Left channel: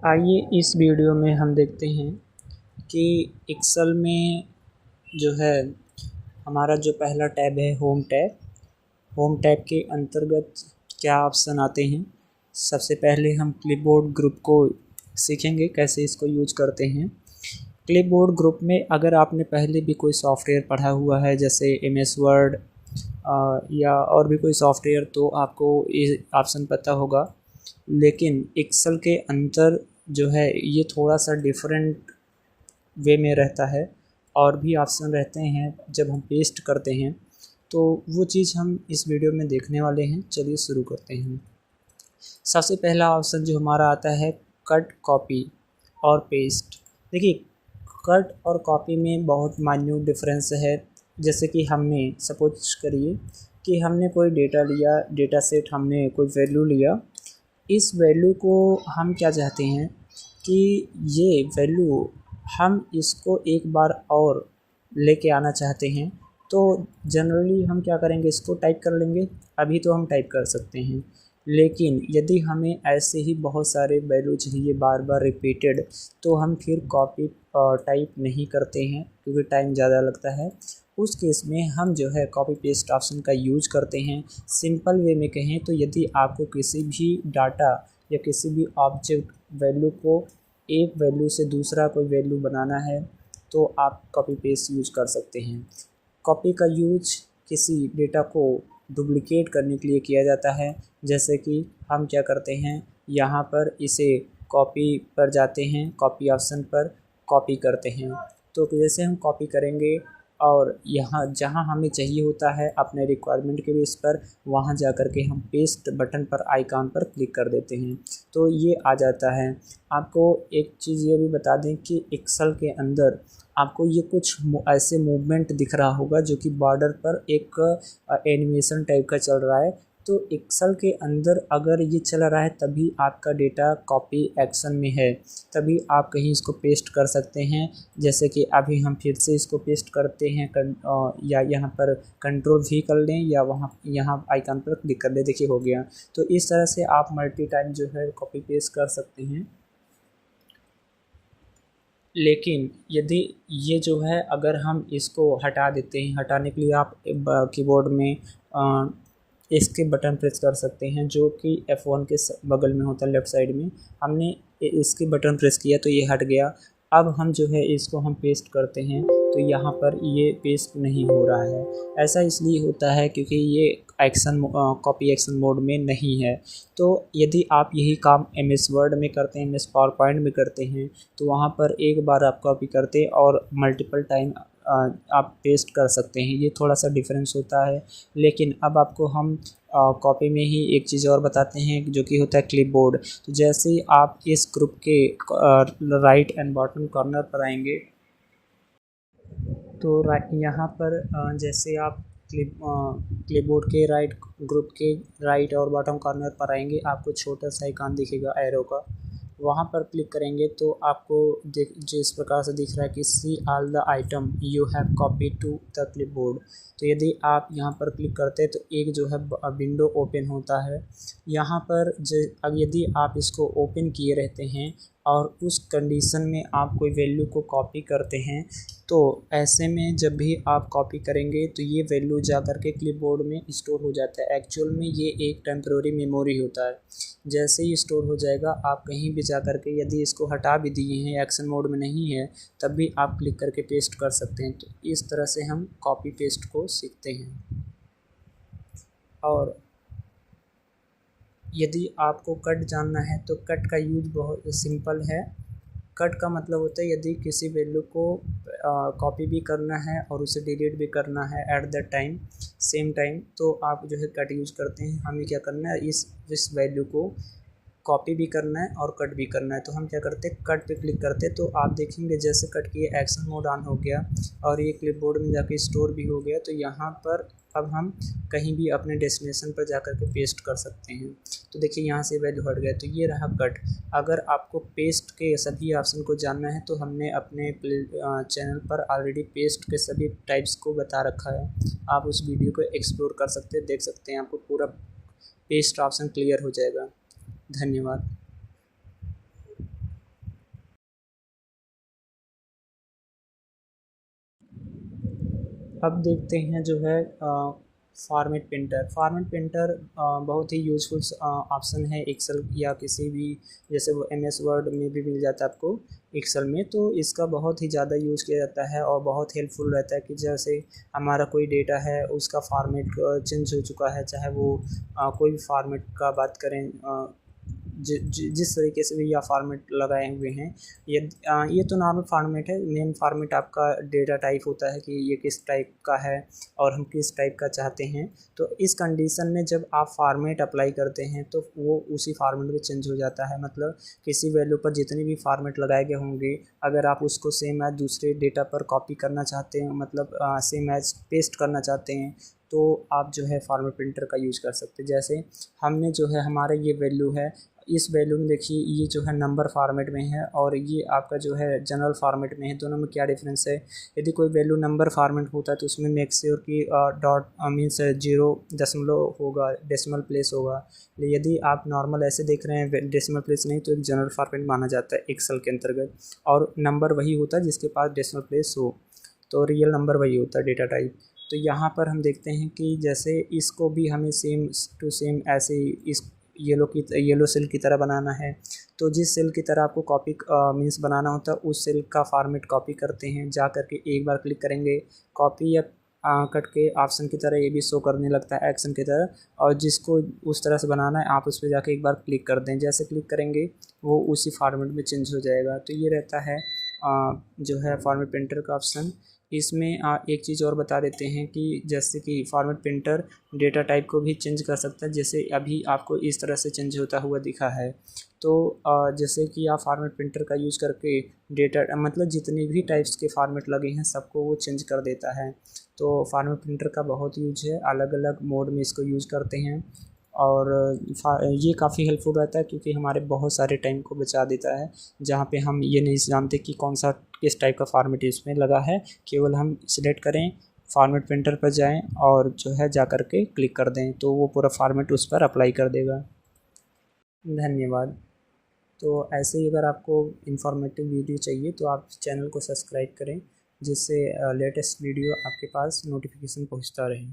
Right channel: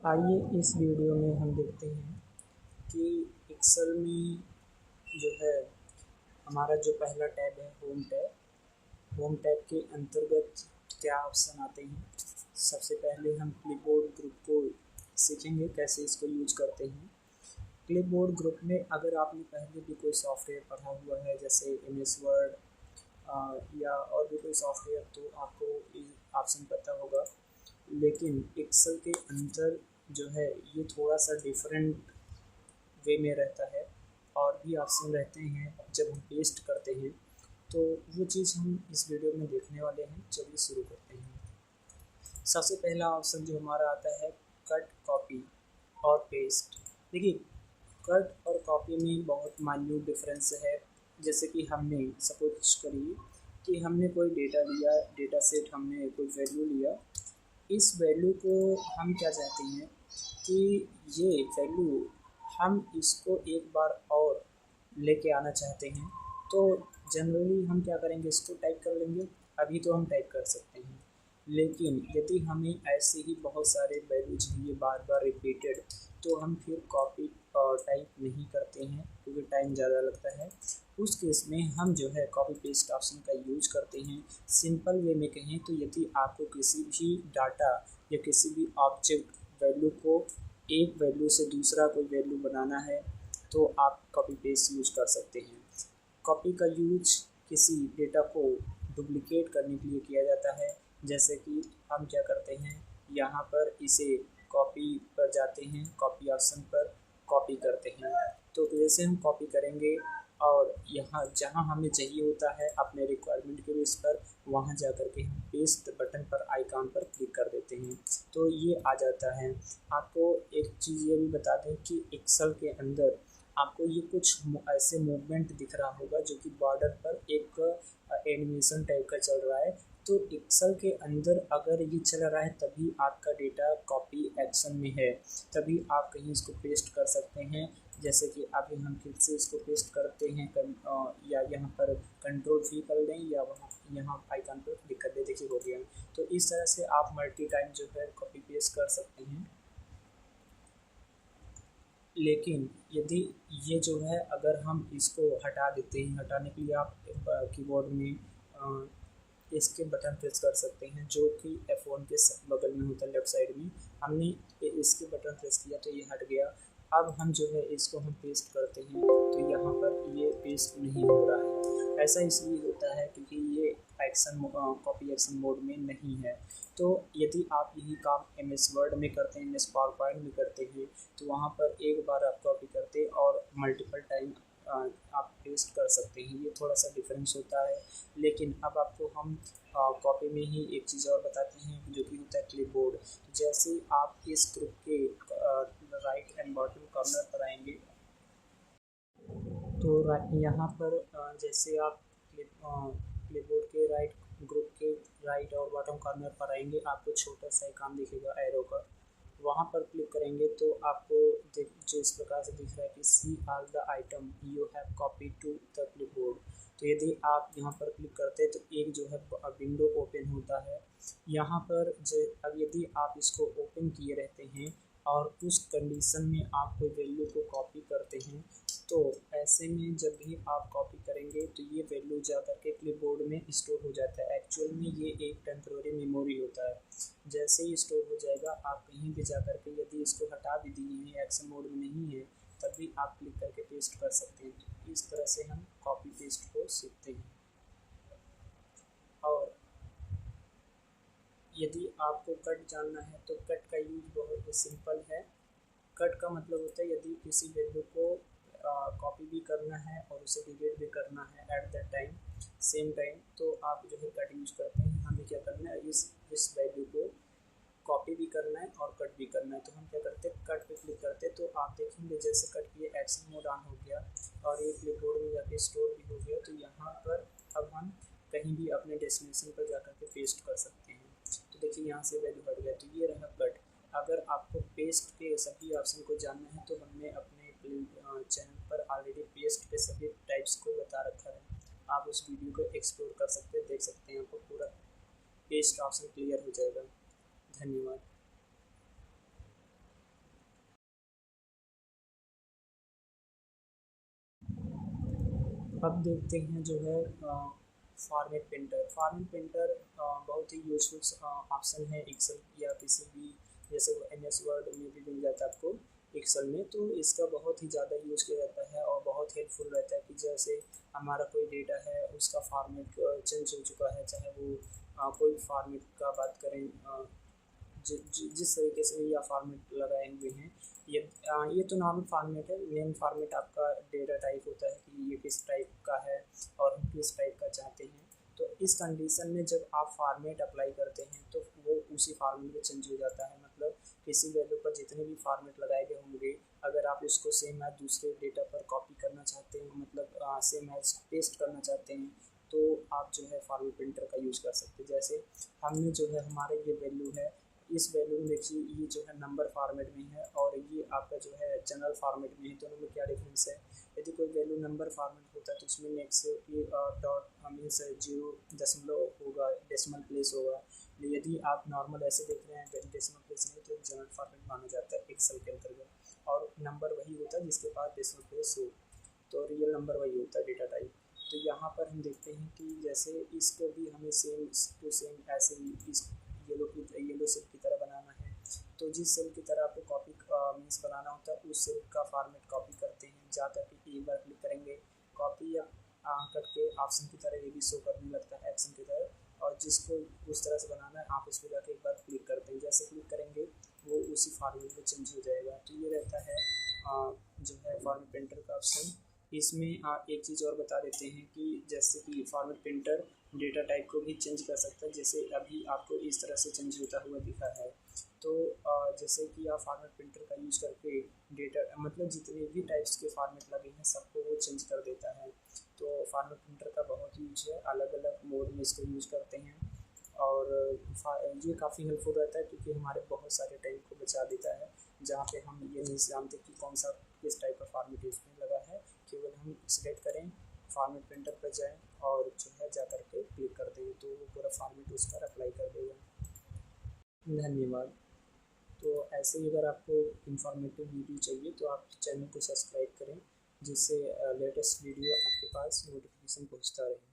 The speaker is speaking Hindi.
आइए इस वीडियो में हम देखते हैं कि एक्सेल में जो है हमारा जो पहला टैब है होम टैब के अंतर्गत क्या ऑप्शन आते हैं। सबसे पहले हम क्लिपबोर्ड ग्रुप को सीखेंगे कैसे इसको यूज करते हैं। क्लिपबोर्ड ग्रुप में अगर आपने पहले भी कोई सॉफ्टवेयर पढ़ा हुआ है जैसे एमएस वर्ड या और भी कोई सॉफ्टवेयर तो आपको ये ऑप्शन पता होगा, लेकिन एक्सेल के अंदर जो है ये थोड़ा सा डिफरेंट वे में रहता है और भी ऑप्शन रहते हैं जब हम पेस्ट करते हैं, तो वो चीज़ हम इस वीडियो में देखने वाले हैं। चलिए शुरू करते हैं। सबसे पहला ऑप्शन जो हमारा आता है कट कॉपी और पेस्ट। देखिए, कट और कॉपी में बहुत माइन्यूट डिफरेंस है। जैसे कि हमने सपोज करिए कि हमने कोई डेटा लिया, डेटा सेट हमने कोई वैल्यू लिया। इस वैल्यू को हम क्या चाहते हैं कि ये वैल्यू हम इसको एक बार और लेके आना चाहते हैं, तो जनरली हम क्या करेंगे, इसको टाइप कर लेंगे। अभी तो हम टाइप कर सकते हैं, लेकिन यदि हमें ऐसे ही बहुत सारे वैल्यू चाहिए बार बार रिपीटेड, तो हम फिर कॉपी टाइप नहीं करते हैं क्योंकि टाइम ज़्यादा लगता है। उस केस में हम जो है कॉपी पेस्ट ऑप्शन का यूज करते हैं। सिंपल वे में कहें तो यदि आपको किसी भी डाटा या किसी भी ऑब्जेक्ट वैल्यू को एक वैल्यू से दूसरा कोई वैल्यू बनाना है, तो आप कॉपी पेस्ट यूज कर सकते हैं। कॉपी का यूज किसी डेटा को डुप्लिकेट करने के लिए किया जाता है। जैसे कि हम क्या करते हैं, यहाँ पर इसे कॉपी पर जाते हैं, कॉपी ऑप्शन पर कॉपी करते हैं। तो जैसे हम कॉपी करेंगे और यहाँ जहाँ हमें चाहिए होता है अपने रिक्वायरमेंट के बेस पर, वहाँ जा कर के हम पेस्ट बटन पर आइकॉन पर क्लिक कर देते हैं, तो ये आ जाता है। आपको एक चीज़ ये भी बता दें कि एक्सेल के अंदर आपको ये कुछ ऐसे मूवमेंट दिख रहा होगा जो कि बॉर्डर पर एक एनिमेशन टाइप का चल रहा है। तो एक्सेल के अंदर अगर ये चल रहा है तभी आपका डेटा कॉपी एक्शन में है, तभी आप कहीं इसको पेस्ट कर सकते हैं। जैसे कि अभी हम फिर से इसको पेस्ट करते हैं या यहाँ पर कंट्रोल भी कर लें या वहाँ यहाँ आइकन पर क्लिक कर लें। देखिए हो गया। तो इस तरह से आप मल्टी टाइम जो है कॉपी पेस्ट कर सकते हैं। लेकिन यदि ये जो है अगर हम इसको हटा देते हैं, हटाने के लिए आप कीबोर्ड में इसके बटन प्रेस कर सकते हैं जो कि F1 के बगल में होता है, लेफ़्ट साइड में। हमने इसके बटन प्रेस किया तो ये हट गया। अब हम जो है इसको हम पेस्ट करते हैं तो यहाँ पर ये पेस्ट नहीं हो रहा है। ऐसा इसलिए होता है क्योंकि ये एक्शन कॉपी एक्शन मोड में नहीं है। तो यदि आप यही काम MS वर्ड में करते हैं, MS पावर पॉइंट में करते हैं, तो वहाँ पर एक बार आप कॉपी करते और मल्टीपल टाइम आप पेस्ट कर सकते हैं। ये थोड़ा सा डिफरेंस होता है। लेकिन अब आपको हम कॉपी में ही एक चीज़ और बताते हैं जो कि होता है क्लिपबोर्ड। तो जैसे ही आप इस ग्रुप के राइट एंड बॉटम कॉर्नर पर आएंगे, तो यहाँ पर जैसे आप क्लिपबोर्ड के राइट ग्रुप के राइट और बॉटम कॉर्नर पर आएंगे, आपको छोटा सा आइकॉन दिखेगा एरो का। वहाँ पर क्लिक करेंगे तो आपको जो इस प्रकार से दिख रहा है कि see all the item you have copy to the clipboard. तो यदि आप यहाँ पर क्लिक करते हैं तो एक जो है विंडो ओपन होता है। यहाँ पर अब यदि आप इसको ओपन किए रहते हैं और उस कंडीशन में आप कोई वैल्यू को कॉपी करते हैं, तो ऐसे में जब भी आप कॉपी करेंगे तो ये वैल्यू जा कर के क्लिपबोर्ड में स्टोर हो जाता है। एक्चुअल में ये एक टेम्पररी मेमोरी होता है। जैसे ही स्टोर हो जाएगा, आप कहीं भी जा कर के यदि इसको हटा भी दिए हैं, एक्शन मोड में नहीं है, तब भी आप क्लिक करके पेस्ट कर सकते हैं। तो इस तरह से हम कॉपी पेस्ट को सीखते हैं। और यदि आपको कट जानना है तो कट का यूज बहुत सिंपल है। कट का मतलब होता है यदि किसी वैल्यू को कॉपी भी करना है और उसे डिलीट भी करना है at the time same time, तो आप जो है कट यूज करते हैं। हमें क्या करना है, इस वैल्यू को कॉपी भी करना है और कट भी करना है। तो हम क्या करते हैं, कट पे क्लिक करते हैं, तो आप देखेंगे जैसे कट किए एक्शन मोड ऑन हो गया और ये क्लिपबोर्ड में जाके स्टोर भी हो गया। तो यहाँ पर अब हम कहीं भी अपने डेस्टिनेशन पर जाकर के पेस्ट कर सकते हैं। तो देखिए यहाँ से वैल्यू हट गया, तो ये रहा कट। अगर आपको पेस्ट के सभी ऑप्शन को जानना है तो हमने अपने चैनल पर ऑलरेडी पेस्ट के सभी टाइप्स को बता रखा है। आप उस वीडियो को एक्सप्लोर कर सकते हैं, देख सकते हैं, आपको पूरा पेस्ट ऑप्शन क्लियर हो जाएगा। धन्यवाद। अब देखते हैं जो है फॉर्मेट प्रिंटर। फॉर्मेट प्रिंटर बहुत ही यूज़फुल ऑप्शन है एक्सेल या किसी भी, जैसे वो एम एस वर्ड में भी मिल जाता है आपको एक्सेल में। तो इसका बहुत ही ज़्यादा यूज़ किया जाता है और बहुत हेल्पफुल रहता है कि जैसे हमारा कोई डेटा है उसका फॉर्मेट चेंज हो चुका है, चाहे वो कोई भी फॉर्मेट का बात करें, जिस तरीके से भी या फॉर्मेट लगाए हुए हैं, ये तो नॉर्मल फॉर्मेट है। मेन फॉर्मेट आपका डेटा टाइप होता है कि ये किस टाइप का है और हम किस टाइप का चाहते हैं। तो इस कंडीशन में जब आप फॉर्मेट अप्लाई करते हैं तो वो उसी फॉर्मेट में चेंज हो जाता है। मतलब किसी वैल्यू पर जितने भी फॉर्मेट लगाए गए होंगे, अगर आप उसको सेम एज दूसरे डेटा पर कॉपी करना चाहते हैं, मतलब सेम एज पेस्ट करना चाहते हैं, तो आप जो है फॉर्मेट प्रिंटर का यूज़ कर सकते हैं। जैसे हमने जो है हमारा ये वैल्यू है, इस वैल्यू में देखिए ये जो है नंबर फॉर्मेट में है और ये आपका जो है जनरल फॉर्मेट में है। दोनों में क्या डिफरेंस है? यदि कोई वैल्यू नंबर फॉर्मेट होता है तो उसमें मेक श्योर कि डॉट मीन्स 0 दशमलव होगा, डेसिमल प्लेस होगा। यदि आप नॉर्मल ऐसे देख रहे हैं डेसिमल प्लेस नहीं, तो एक जनरल फॉर्मेट माना जाता है एक्सेल के अंतर्गत। और नंबर वही होता है जिसके पास डेसिमल प्लेस हो, तो रियल नंबर वही होता है डेटा टाइप। तो यहाँ पर हम देखते हैं कि जैसे इसको भी हमें सेम टू सेम ऐसे इस येलो सेल की तरह बनाना है। तो जिस सेल की तरह आपको कॉपी मीन्स बनाना होता है, उस सेल का फॉर्मेट कॉपी करते हैं। जा करके एक बार क्लिक करेंगे, कॉपी या कट के ऑप्शन की तरह ये भी शो करने लगता है एक्शन की तरह। और जिसको उस तरह से बनाना है आप उस पर जाके एक बार क्लिक कर दें। जैसे क्लिक करेंगे वो उसी फॉर्मेट में चेंज हो जाएगा। तो ये रहता है जो है फॉर्मेट प्रिंटर का ऑप्शन। इसमें एक चीज़ और बता देते हैं कि जैसे कि फॉर्मेट प्रिंटर डेटा टाइप को भी चेंज कर सकता है। जैसे अभी आपको इस तरह से चेंज होता हुआ दिखा है। तो जैसे कि आप फॉर्मेट प्रिंटर का यूज़ करके डेटा मतलब जितने भी टाइप्स के फॉर्मेट लगे हैं सबको वो चेंज कर देता है। तो फॉर्मेट प्रिंटर का बहुत यूज है, अलग अलग मोड में इसको यूज़ करते हैं। और ये काफ़ी हेल्पफुल रहता है क्योंकि हमारे बहुत सारे टाइम को बचा देता है, जहाँ पे हम ये नहीं जानते कि कौन सा किस टाइप का फॉर्मेट इसमें लगा है। केवल हम सिलेक्ट करें, फॉर्मेट प्रिंटर पर जाएं और जो है जा कर के क्लिक कर दें, तो वो पूरा फॉर्मेट उस पर अप्लाई कर देगा। धन्यवाद। तो ऐसे ही अगर आपको इन्फॉर्मेटिव वीडियो चाहिए तो आप चैनल को सब्सक्राइब करें, जिससे लेटेस्ट वीडियो आपके पास नोटिफिकेशन पहुंचता रहे।